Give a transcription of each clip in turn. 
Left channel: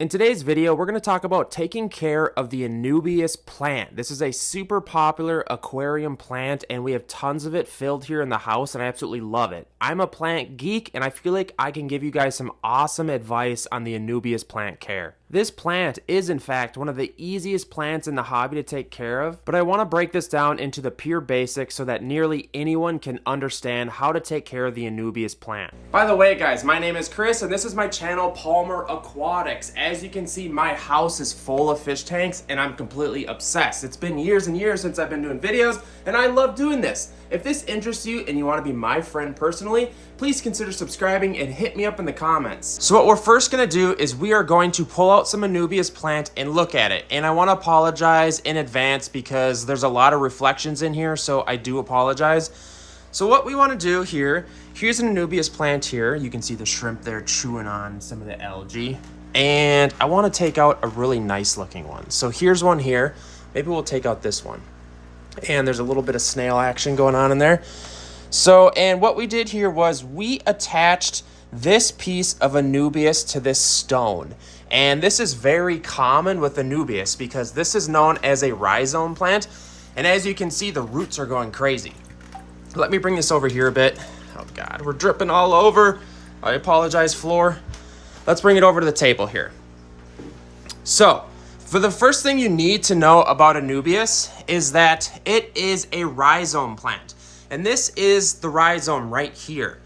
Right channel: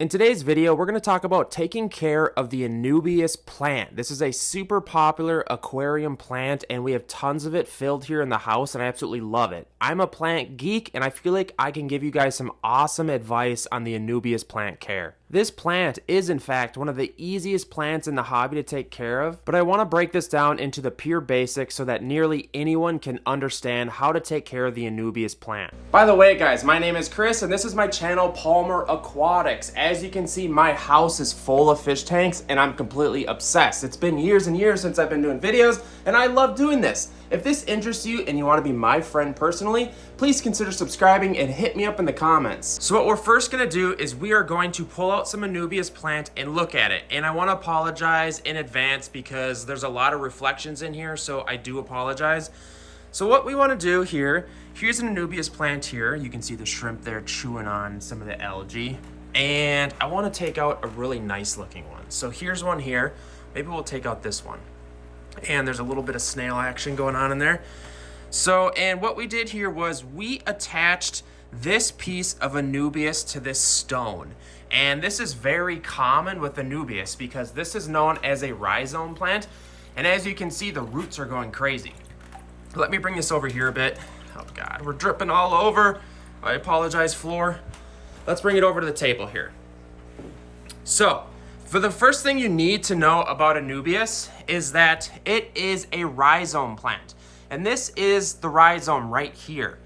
In today's video, we're going to talk about taking care of the Anubias plant. This is a super popular aquarium plant, and we have tons of it filled here in the house, and I absolutely love it. I'm a plant geek, and I feel like I can give you guys some awesome advice on the Anubias plant care. This plant is, in fact, one of the easiest plants in the hobby to take care of, but I want to break this down into the pure basics so that nearly anyone can understand how to take care of the Anubias plant. By the way, guys, my name is Chris, and this is my channel, Palmer Aquatics. As you can see, my house is full of fish tanks, and I'm completely obsessed. It's been years and years since I've been doing videos, and I love doing this. If this interests you and you want to be my friend personally, please consider subscribing and hit me up in the comments. So what we're first going to do is we are going to pull out some Anubias plant and look at it. And I want to apologize in advance because there's a lot of reflections in here, so I do apologize. So what we want to do here, here's an Anubias plant here. You can see the shrimp there chewing on some of the algae. And I want to take out a really nice looking one. So here's one here. Maybe we'll take out this one. And there's a little bit of snail action going on in there. So, and what we did here was we attached this piece of Anubias to this stone. And this is very common with Anubias because this is known as a rhizome plant. And as you can see, the roots are going crazy. Let me bring this over here a bit. Oh God, we're dripping all over. I apologize, floor. Let's bring it over to the table here. So, for the first thing you need to know about Anubias is that it is a rhizome plant. And this is the rhizome right here.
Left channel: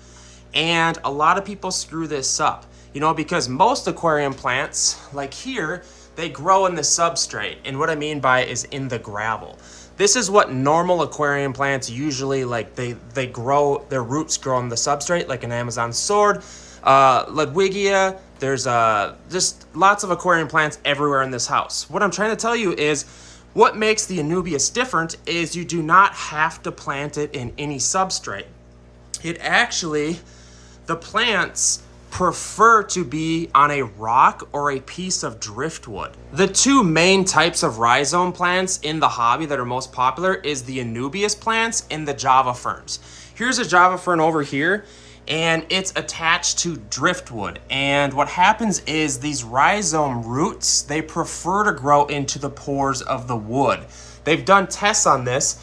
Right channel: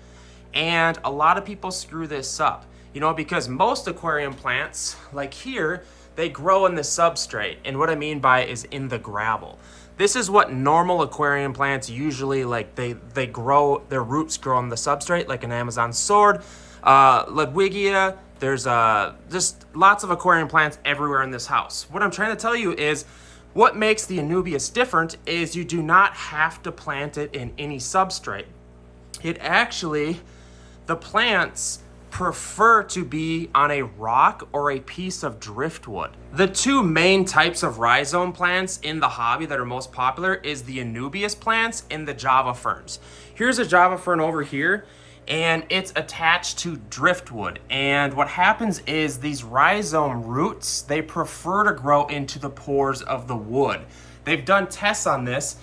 And a lot of people screw this up, you know, because most aquarium plants, like here, they grow in the substrate. And what I mean by is in the gravel. This is what normal aquarium plants usually, like they grow, their roots grow on the substrate, like an Amazon sword, Ludwigia. There's just lots of aquarium plants everywhere in this house. What I'm trying to tell you is what makes the Anubias different is you do not have to plant it in any substrate. It actually, the plants prefer to be on a rock or a piece of driftwood. The two main types of rhizome plants in the hobby that are most popular is the Anubias plants and the Java ferns. Here's a Java fern over here, and it's attached to driftwood. And what happens is these rhizome roots, they prefer to grow into the pores of the wood. They've done tests on this,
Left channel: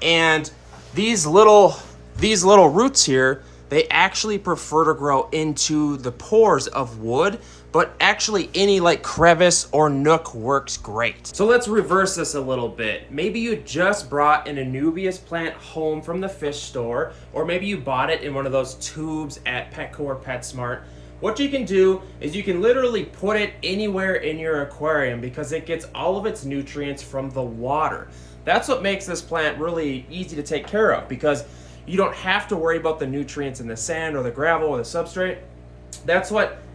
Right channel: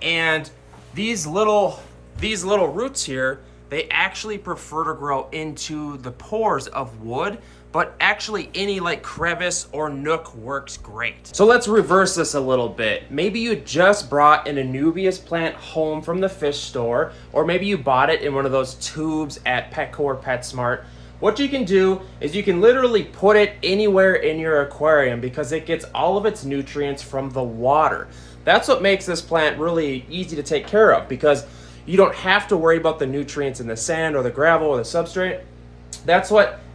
and these little roots here, they actually prefer to grow into the pores of wood, but actually any like crevice or nook works great. So let's reverse this a little bit. Maybe you just brought an Anubias plant home from the fish store, or maybe you bought it in one of those tubes at Petco or PetSmart. What you can do is you can literally put it anywhere in your aquarium because it gets all of its nutrients from the water. That's what makes this plant really easy to take care of because you don't have to worry about the nutrients in the sand or the gravel or the substrate.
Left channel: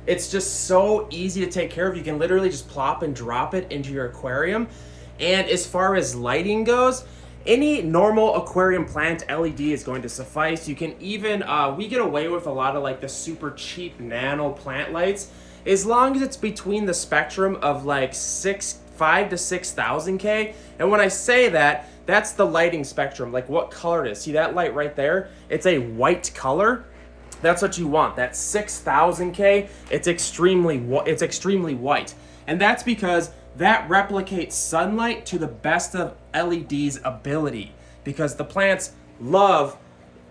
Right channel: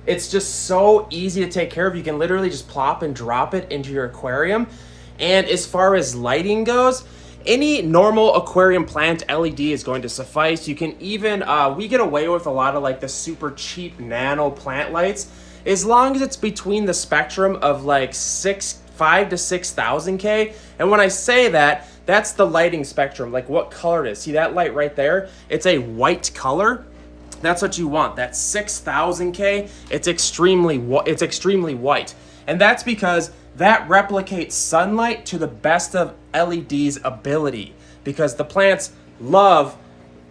It's just so easy to take care of. You can literally just plop and drop it into your aquarium. And as far as lighting goes, any normal aquarium plant LED is going to suffice. You can even, we get away with a lot of like the super cheap nano plant lights, as long as it's between the spectrum of like 5 to 6,000 K. And when I say that, that's the lighting spectrum, like what color it is. See that light right there? It's a white color. That's what you want. That's 6,000 K. It's extremely white. And that's because that replicates sunlight to the best of LED's ability, because the plants love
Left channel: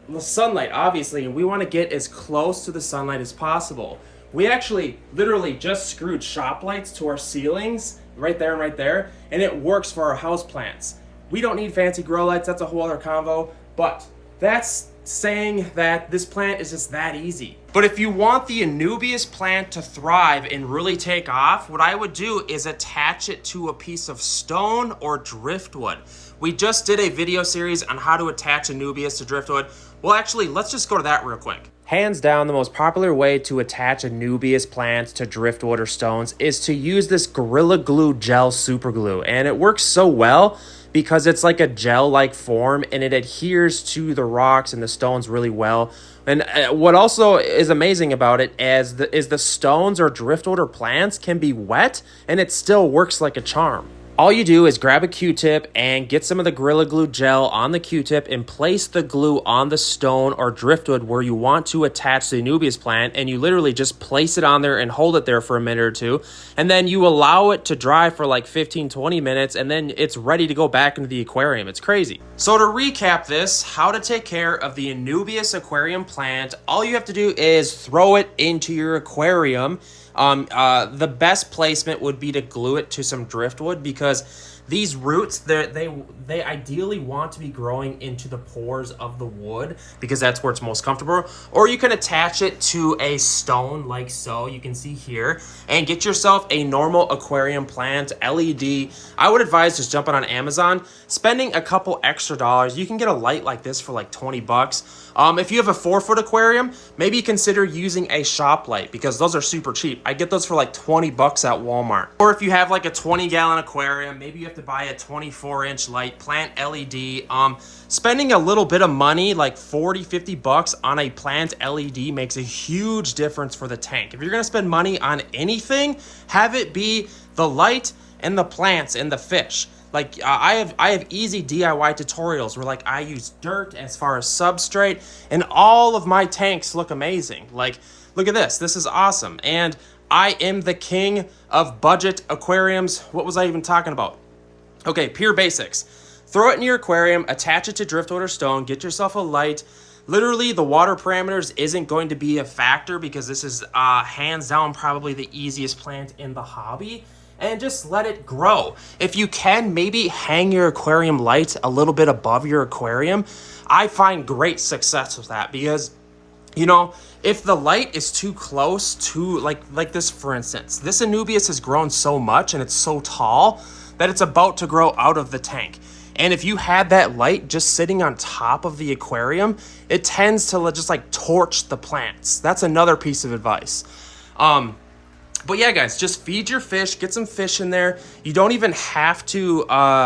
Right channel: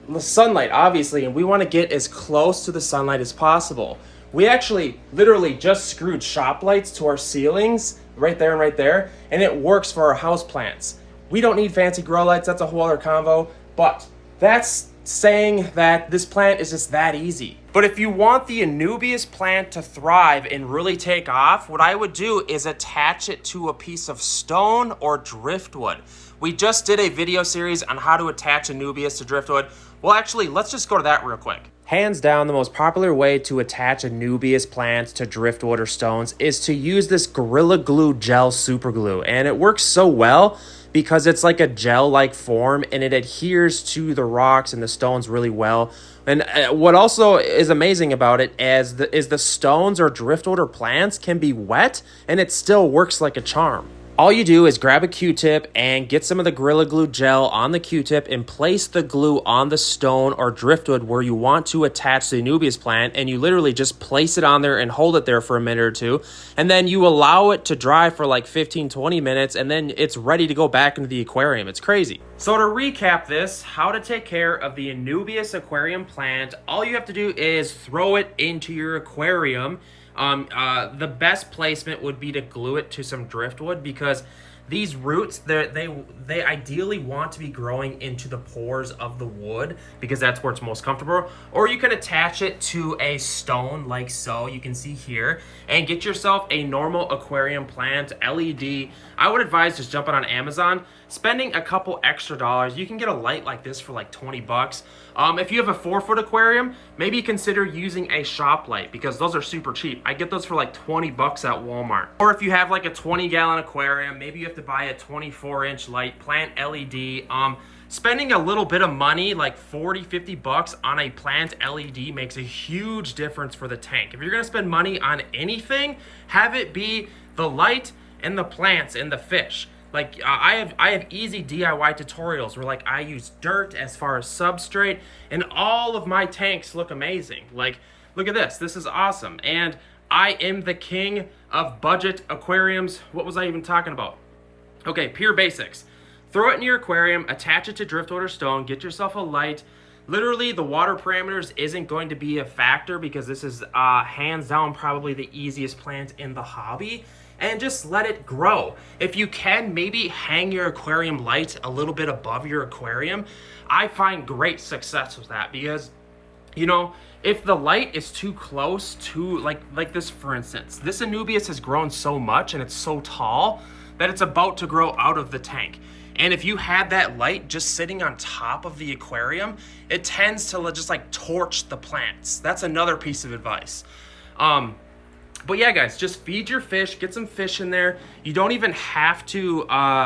the sunlight, obviously, and we want to get as close to the sunlight as possible. We actually literally just screwed shop lights to our ceilings right there and right there, and it works for our house plants. We don't need fancy grow lights. That's a whole other convo, but that's saying that this plant is just that easy. But if you want the Anubias plant to thrive and really take off, what I would do is attach it to a piece of stone or driftwood. We just did a video series on how to attach Anubias to driftwood. Well, actually, let's just go to that real quick. Hands down, the most popular way to attach Anubias plants to driftwood or stones is to use this Gorilla Glue gel super glue. And it works so well because it's like a gel-like form and it adheres to the rocks and the stones really well. And what also is amazing about it is the stones or driftwood or plants can be wet and it still works like a charm. All you do is grab a Q-tip and get some of the Gorilla Glue gel on the Q-tip and place the glue on the stone or driftwood where you want to attach the Anubias plant, and you literally just place it on there and hold it there for a minute or two, and then you allow it to dry for like 15-20 minutes, and then it's ready to go back into the aquarium. It's crazy. So to recap this, how to take care of the Anubias aquarium plant, all you have to do is throw it into your aquarium. The best placement would be to glue it to some driftwood, because these roots, they ideally want to be growing into the pores of the wood, because that's where it's most comfortable. Or you can attach it to a stone like so, you can see here, and get yourself a normal aquarium plant, LED. I would advise just jumping on Amazon, spending a couple extra dollars. You can get a light like this for like 20 bucks. If you have a 4-foot aquarium, maybe consider using a shop light, because those are super cheap. I get those for like 20 bucks at Walmart. Or if you have like a 20-gallon aquarium, maybe you have to buy a 24-inch light, plant LED. Spending a little bit of money, like 40-50 bucks on a plant LED, makes a huge difference for the tank. If you're gonna spend money on anything, have it be the light and the plants and the fish. Like I have easy DIY tutorials where like I use dirt as far as substrate, and all of my tanks look amazing. Like, look at this. This is awesome. And I am the king of budget aquariums. What was I even talking about? Okay, pure basics. Throw it in your aquarium, attach it to driftwood or stone, get yourself a light. Literally, the water parameters isn't going to be a factor, because this is hands down probably the easiest plant in the hobby. And just let it grow. If you can, maybe hang your aquarium light a little bit above your aquarium. I find great success with that, because, you know, if the light is too close to, like this, for instance, this Anubias has grown so much and it's so tall that it's about to grow out of the tank. And if you had that light just sitting on top of the aquarium, it tends to just like torch the plants. That's another piece of advice. But yeah, guys, just feed your fish, get some fish in there. You don't even have to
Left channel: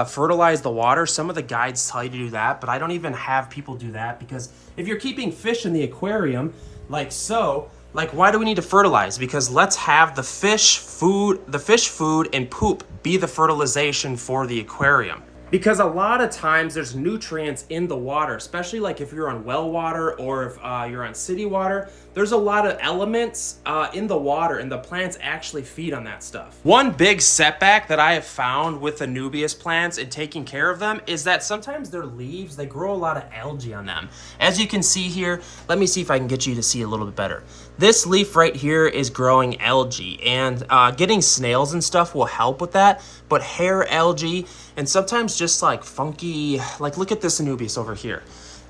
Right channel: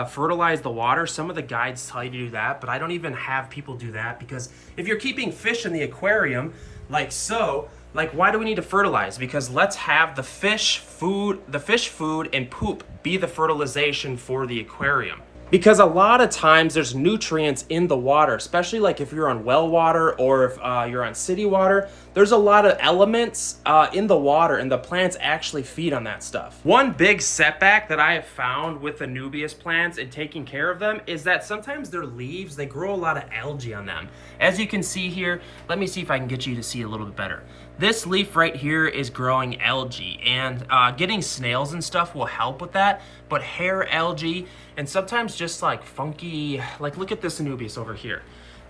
fertilize the water. Some of the guides tell you to do that, but I don't even have people do that, because if you're keeping fish in the aquarium, like so, like, why do we need to fertilize? Because let's have the fish food and poop be the fertilization for the aquarium. Because a lot of times there's nutrients in the water, especially like if you're on well water or if you're on city water. There's a lot of elements in the water, and the plants actually feed on that stuff. One big setback that I have found with Anubias plants and taking care of them is that sometimes their leaves, they grow a lot of algae on them. As you can see here, let me see if I can get you to see a little bit better. This leaf right here is growing algae, and getting snails and stuff will help with that, but hair algae, and sometimes just like funky, like look at this Anubias over here.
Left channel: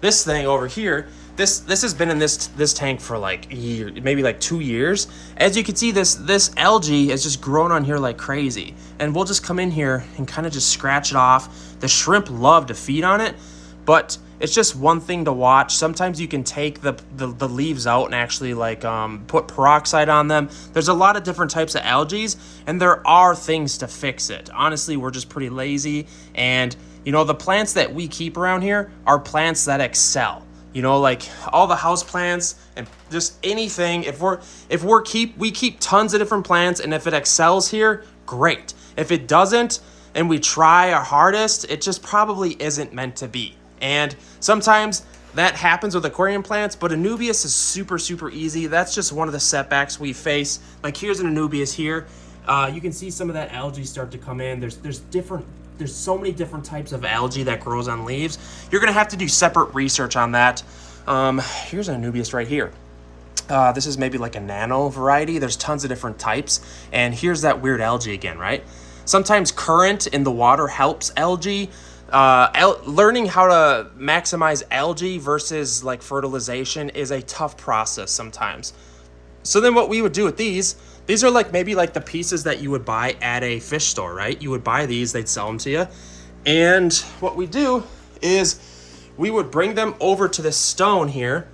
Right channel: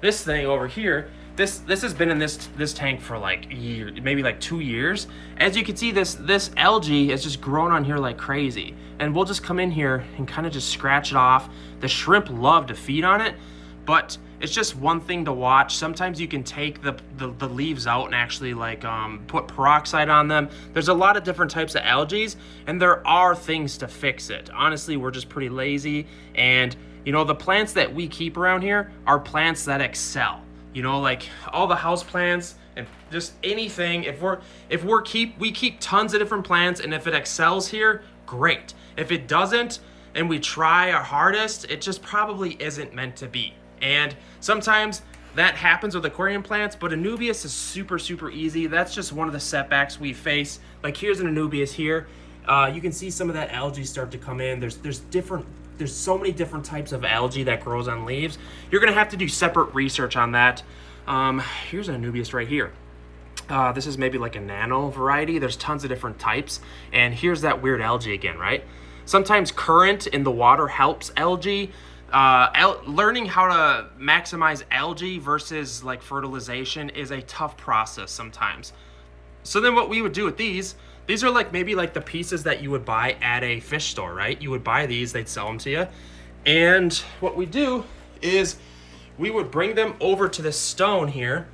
This thing over here, this has been in this tank for like a year, maybe like 2 years. As you can see, this algae has just grown on here like crazy. And we'll just come in here and kind of just scratch it off. The shrimp love to feed on it, but it's just one thing to watch. Sometimes you can take the leaves out and actually like put peroxide on them. There's a lot of different types of algae, and there are things to fix it. Honestly, we're just pretty lazy, and you know, the plants that we keep around here are plants that excel. You know, like all the house plants and just anything. We keep tons of different plants, and if it excels here, great. If it doesn't, and we try our hardest, it just probably isn't meant to be. And sometimes that happens with aquarium plants, but Anubias is super, super easy. That's just one of the setbacks we face. Like here's an Anubias here. You can see some of that algae start to come in. There's so many different types of algae that grows on leaves. You're gonna have to do separate research on that. Here's an Anubias right here. This is maybe like a nano variety. There's tons of different types. And here's that weird algae again, right? Sometimes current in the water helps algae. Learning how to maximize algae versus like fertilization is a tough process sometimes. So then what we would do with these are like maybe like the pieces that you would buy at a fish store, right? You would buy these, they'd sell them to you. And what we do is we would bring them over to this stone here,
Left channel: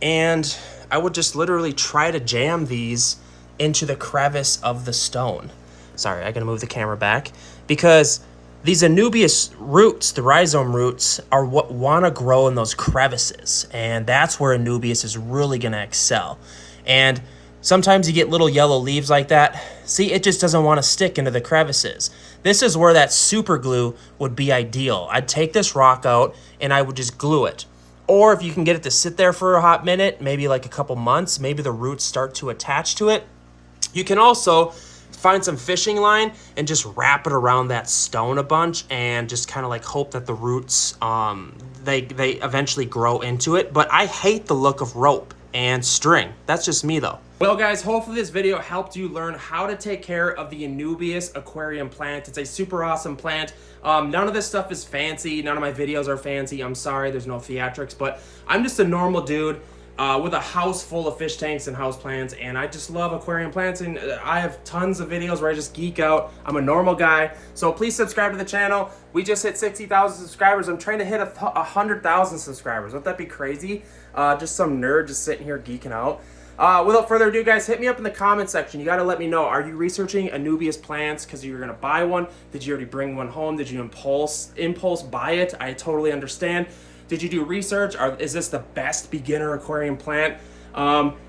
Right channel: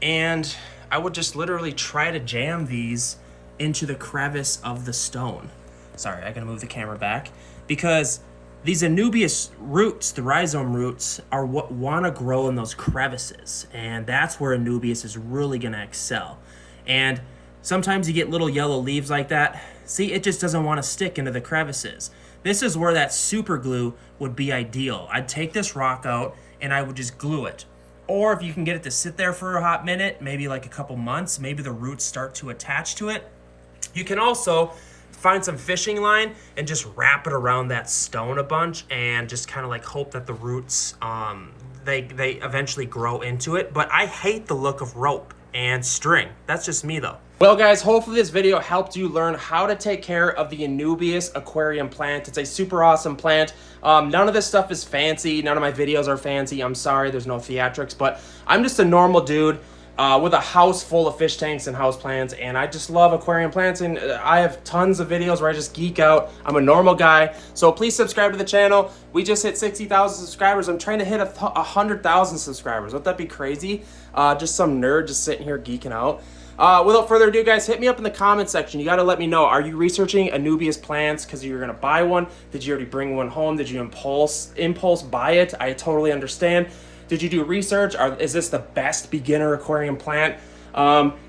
and I would just literally try to jam these into the crevice of the stone. Sorry, I gotta move the camera back, because these Anubias roots, the rhizome roots, are what wanna grow in those crevices. And that's where Anubias is really gonna excel. And Sometimes you get little yellow leaves like that. See, it just doesn't want to stick into the crevices. This is where that super glue would be ideal. I'd take this rock out and I would just glue it. Or if you can get it to sit there for a hot minute, maybe like a couple months, maybe the roots start to attach to it. You can also find some fishing line and just wrap it around that stone a bunch and just kind of like hope that the roots, they eventually grow into it. But I hate the look of rope and string. That's just me though. Well guys, hopefully this video helped you learn how to take care of the Anubias aquarium plant. It's a super awesome plant. None of this stuff is fancy. None of my videos are fancy. I'm sorry, there's no theatrics, but I'm just a normal dude with a house full of fish tanks and house plants, and I just love aquarium plants, and I have tons of videos where I just geek out. I'm a normal guy, so please subscribe to the channel. We just hit 60,000 subscribers. I'm trying to hit 100,000 subscribers. Wouldn't that be crazy? Just some nerd just sitting here geeking out. Without further ado, guys, hit me up in the comment section. You got to let me know, are you researching Anubias plants because you're going to buy one? Did you already bring one home? Did you impulse buy it? I totally understand. Did you do research? Is this the best beginner aquarium plant?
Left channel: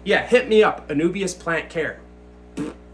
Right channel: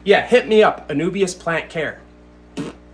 Yeah, hit me up, Anubias Plant Care.